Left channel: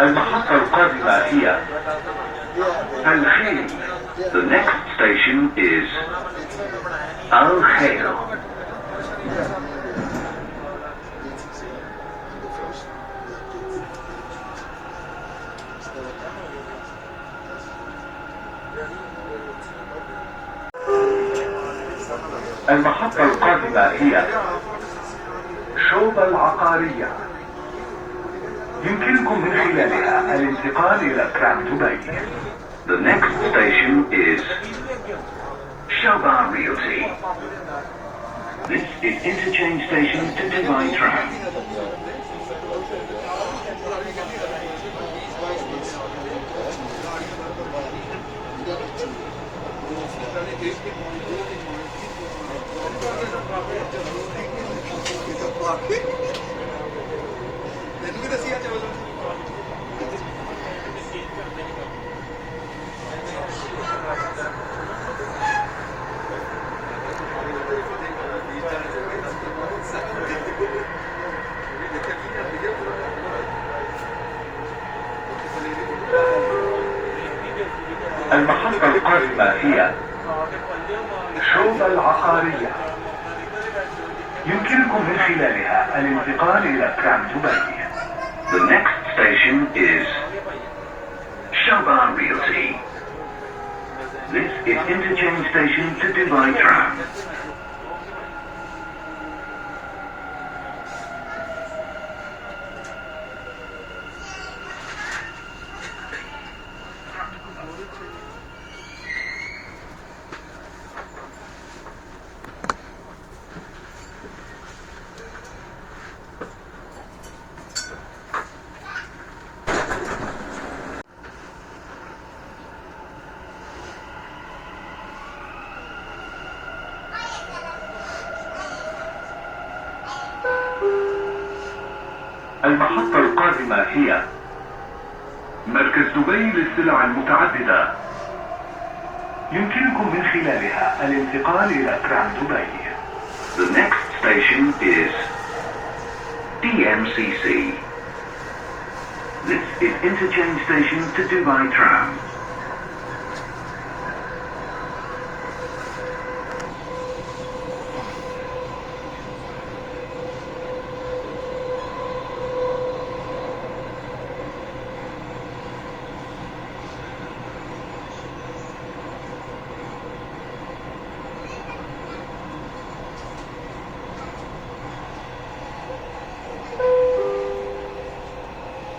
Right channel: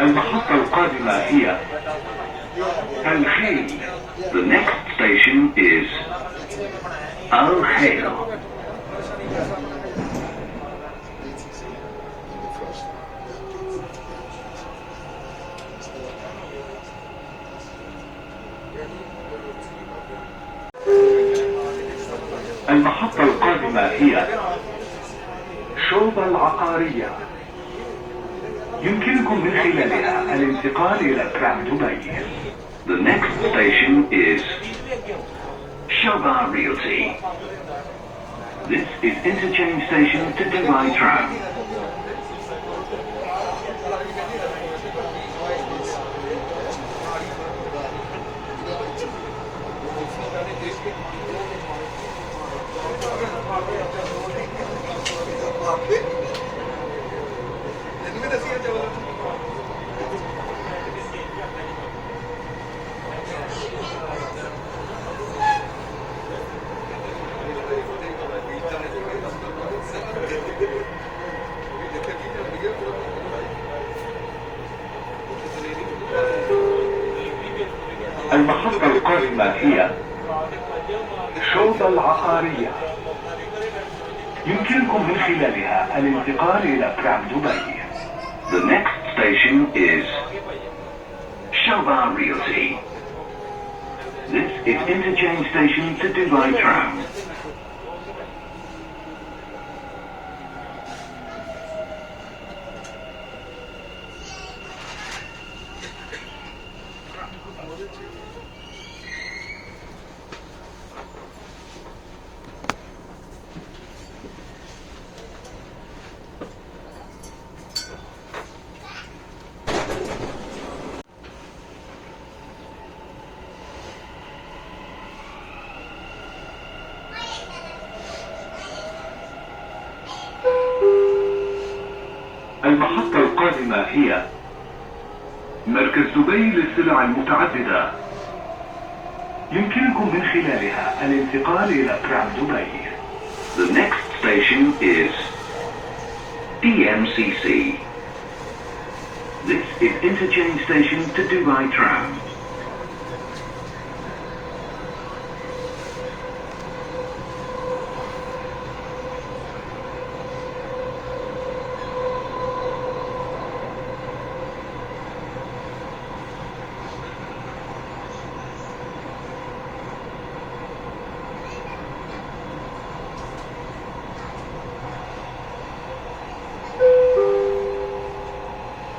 المحطة القادمة هي الخيل. The next station is الخيل. المحطة القادمة هي شوبة العقارية. يمكنكم من خلالها الانتقال إلى ترام دبي. The next station is Shoba Realty. This is interchange station to Dubai Tram. المحطة القادمة هي شوبة العقارية. يمكنكم من خلالها الانتقال إلى ترام دبي. The next station is Shoba Realty. This is interchange station to Dubai Tram. المحطة القادمة هي مركز دبي للسلع المتعددة. يمكنكم من خلالها الانتقال إلى ترام دبي. The next station is DMCC. This is interchange station to Dubai Tram.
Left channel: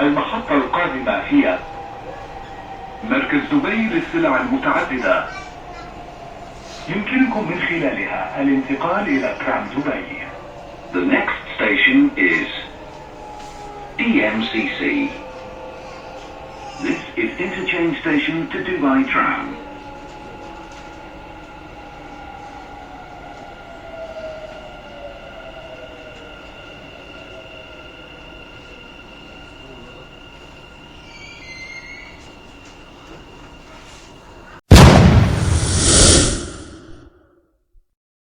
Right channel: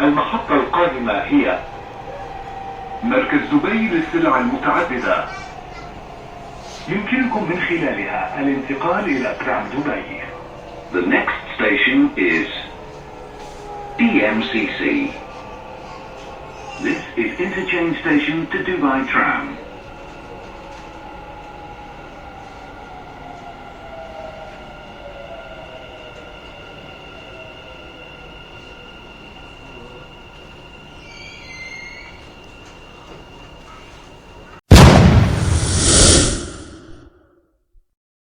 المحطة القادمة هي مركز دبي للسلع المتعددة. يمكنكم من خلالها الانتقال إلى ترام دبي. The next station is DMCC. This is interchange station to Dubai Tram.